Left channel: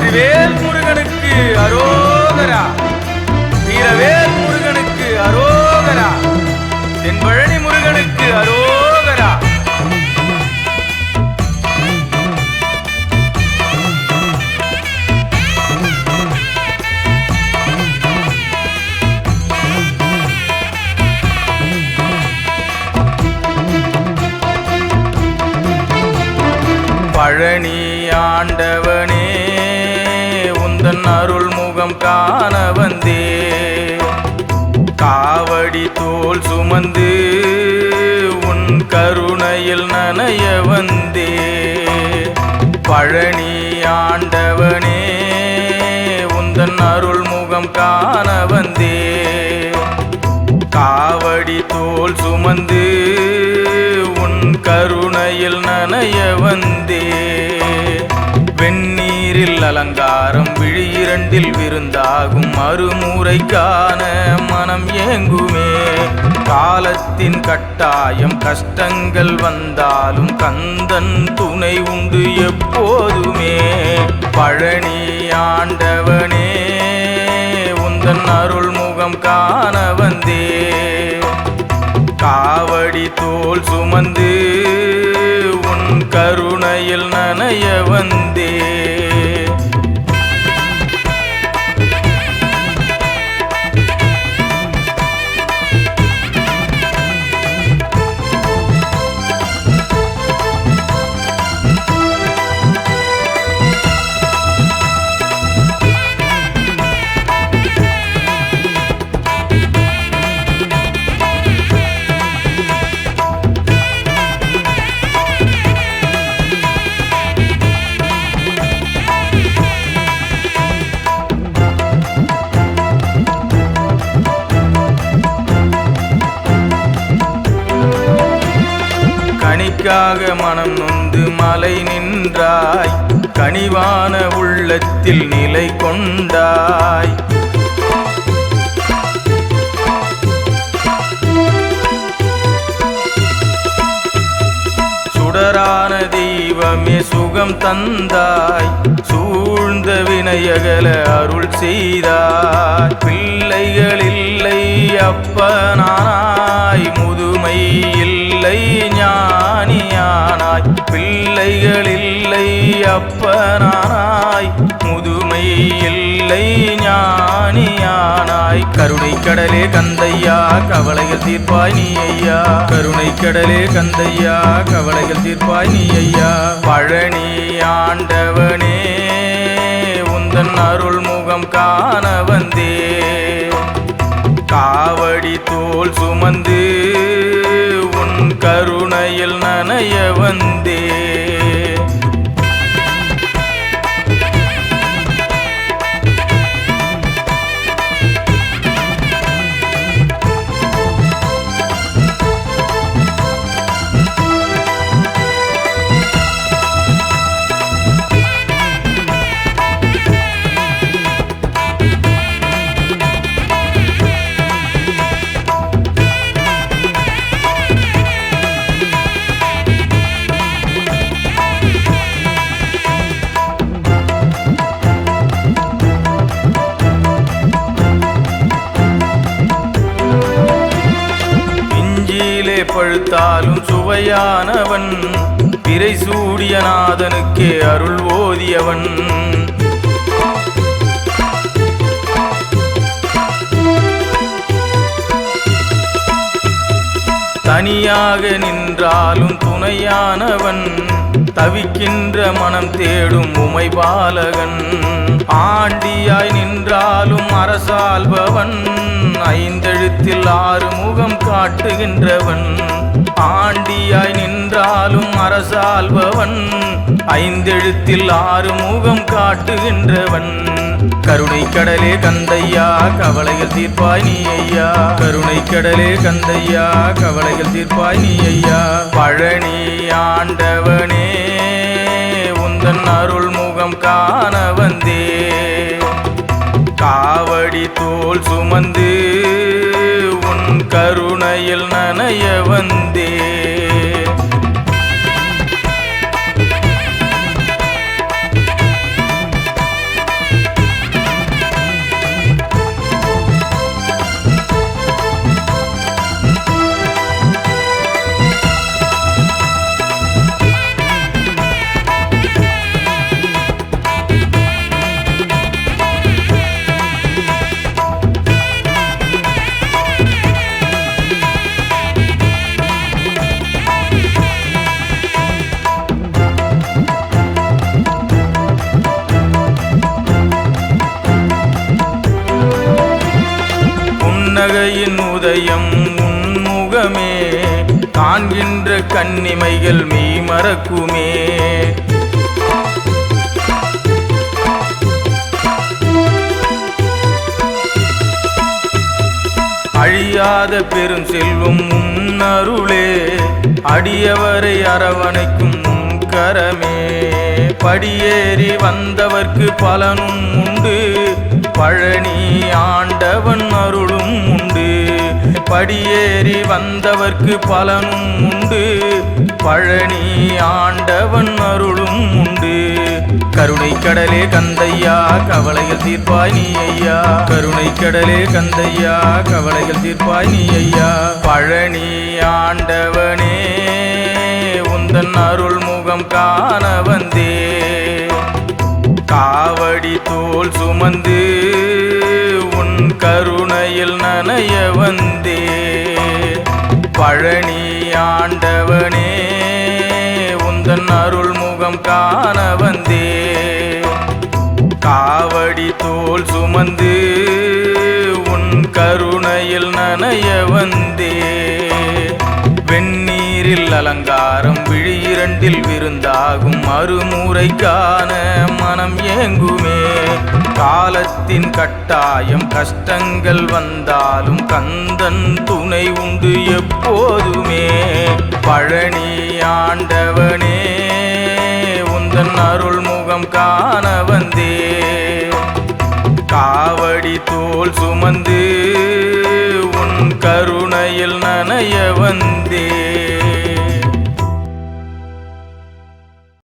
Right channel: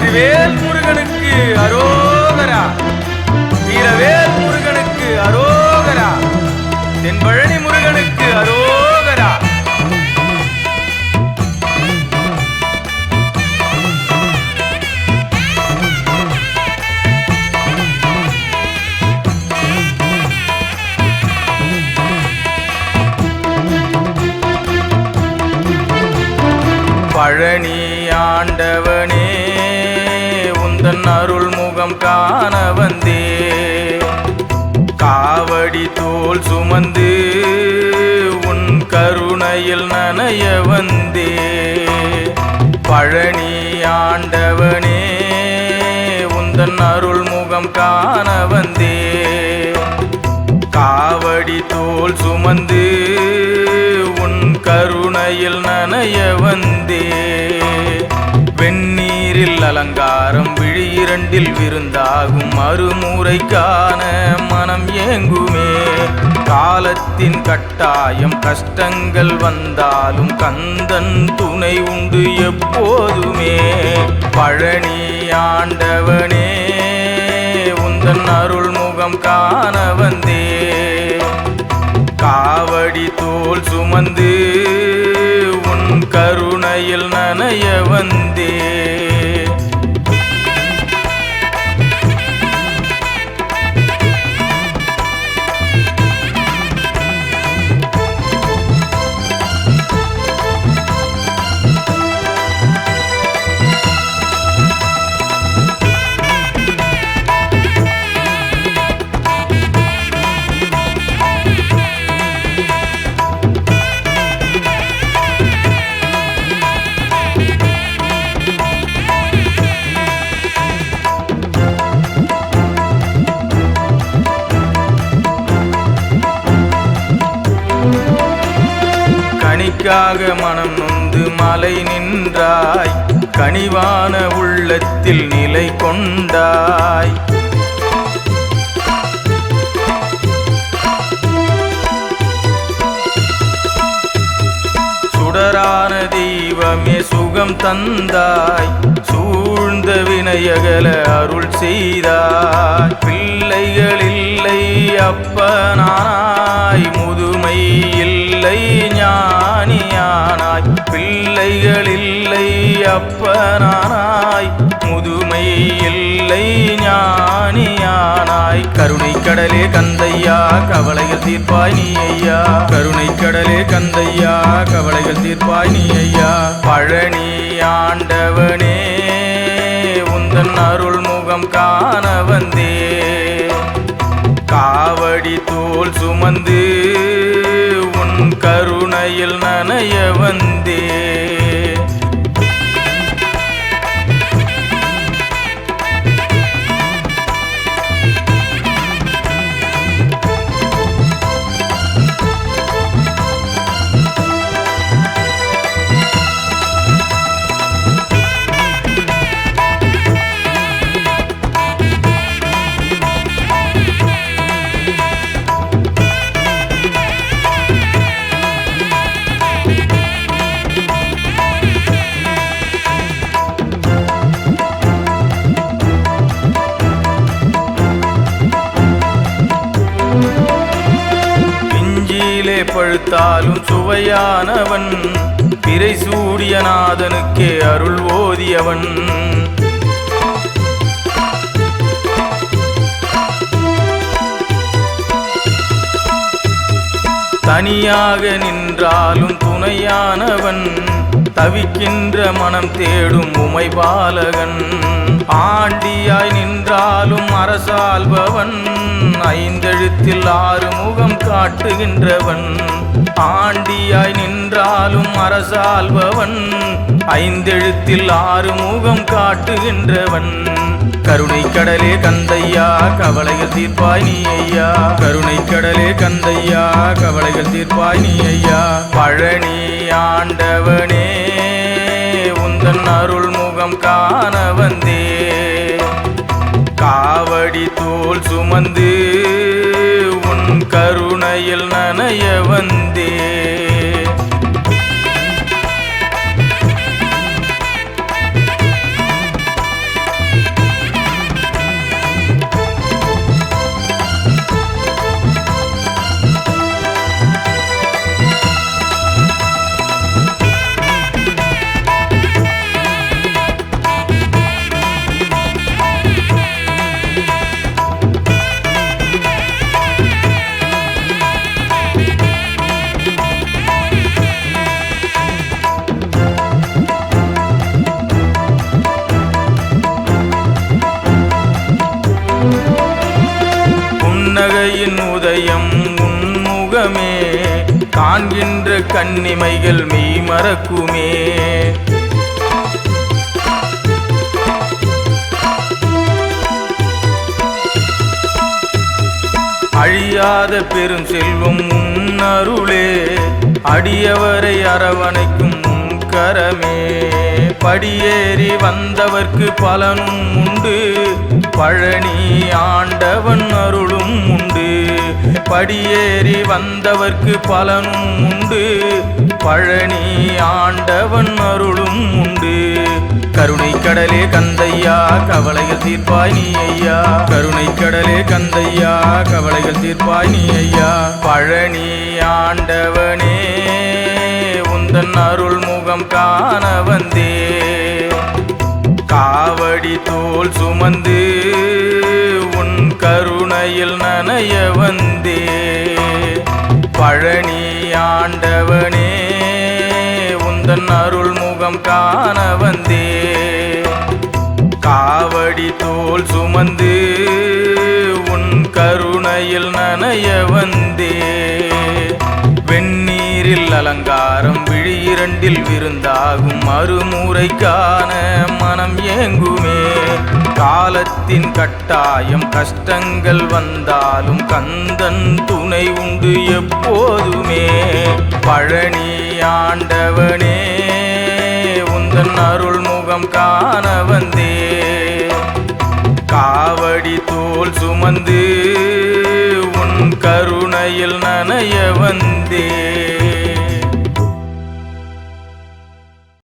வெற்றிவேல் முருகனுக்கு அரோகரா. வீரவேல் முருகனுக்கு அரோகரா. தென்பழனி முருகனுக்கு அரோகரா. பழனி ஆண்டவனே உந்தன் அருள் முகம் காண வந்தே. காவடி தோள் சுமந்து உன் கருணையில் நனைய வந்தே. பழனி ஆண்டவனே உந்தன் அருள் முகம் காண வந்தே. காவடி தோள் சுமந்து உன் கருணையில் நனைய வந்தே. வெந்நீரில் அலங்காரம் விழியிரண்டில் விருந்தாகும் மறுமுறைக்கான மனம் ஏங்குமே. காலத்தின் கட்டாயம் கஷ்டங்கள் வந்தாலும் கந்தன் துணை உண்டு எப்போதுமே. பழனி ஆண்டவனே உந்தன் அருள் முகம் காண வந்தே. காவடி தோள் சுமந்து உன் கருணையில் நனைய வந்தே. கனிக்காக மனம் நொந்து மலை நின்றாய். கனிவான உள்ளத்தில் நிலை கொண்டாய். சுடரான தெய்வமே சுகம் தந்தாய். சூழ்ந்த வினையகல அருள் செய்தாய். பிள்ளைகள் இல்லை அப்பனானாய். முதுமை இல்லை ஞானியானாய். பிள்ளைகள் இல்லை அப்பனானாய். முதுமை இல்லை ஞானியானாய். கருணை கடலே கந்தையா கவலைகள் தீர்ப்பாய் நீ ஐயா. கருணை கடலே கந்தையா கவலைகள் தீர்ப்பாய் நீ ஐயா. பழனி ஆண்டவனே உந்தன் அருள் முகம் காண வந்தே. காவடி தோள் சுமந்து உன் கருணையில் நனைய வந்தே. பழுத்தாலும் சுவையானவன். பிறை சூடிய நாதனுக்கே அருள் ஓதியவன். தனியாக நின்றாலும் துணையானவன். தவிக்கின்ற மனம் தேடும் உமைபாலகன். ஆண்டியாய் நின்றாலும் அரசாள்பவன். ஐந்தெழுத்தில் ஆறு முகம் காட்டுகின்றவன். ஆண்டியாய் நின்றாலும் அரசாள்பவன். ஐந்தெழுத்தில் ஆறு முகம் காட்டுகின்றவன். கருணை கடலே கந்தையா கவலைகள் தீர்ப்பாய் நீ ஐயா. கருணை கடலே கந்தையா கவலைகள் தீர்ப்பாய் நீ ஐயா. பழனி ஆண்டவனே உந்தன் அருள் முகம் காண வந்தே. காவடி தோள் சுமந்து உன் கருணையில் நனைய வந்தே. புன்னகையின் உதயம் உன்முகமே காண்கின்ற கன்னிமைகள் மெய் மறக்குமே. அழியாத பெரும் செல்வம் உன்னருளே அடியவரை அரவணைக்கும் கரமே. படியேறி வந்தவர்க்கு பலனும் உண்டு பழனி ஆண்டவன் அருளும் உண்டு. படியேறி வந்தவர்க்கு பலனும் உண்டு பழனி ஆண்டவன் அருளும் உண்டு. கருணை கடலே கந்தையா கவலைகள் தீர்ப்பாய் நீ ஐயா. கருணை கடலே கந்தையா கவலைகள் தீர்ப்பாய் நீ ஐயா. பழனி ஆண்டவனே உந்தன் அருள் முகம் காண வந்தே. காவடி தோள் சுமந்து உன் கருணையில் நனைய வந்தே. பழனி ஆண்டவனே உந்தன் அருள் முகம் காண வந்தே. காவடி தோள் சுமந்து உன் கருணையில் நனைய வந்தே. வெந்நீரில் அலங்காரம் விழியிரண்டில் விருந்தாகும் மறுமுறைக்கான மனம் ஏங்குமே. காலத்தின் கட்டாயம் கஷ்டங்கள் வந்தாலும் கந்தன் துணை உண்டு எப்போதுமே. பழனி ஆண்டவனே உந்தன் அருள் முகம் காண வந்தே. காவடி தோள் சுமந்து உன் கருணையில் நனைய வந்தே.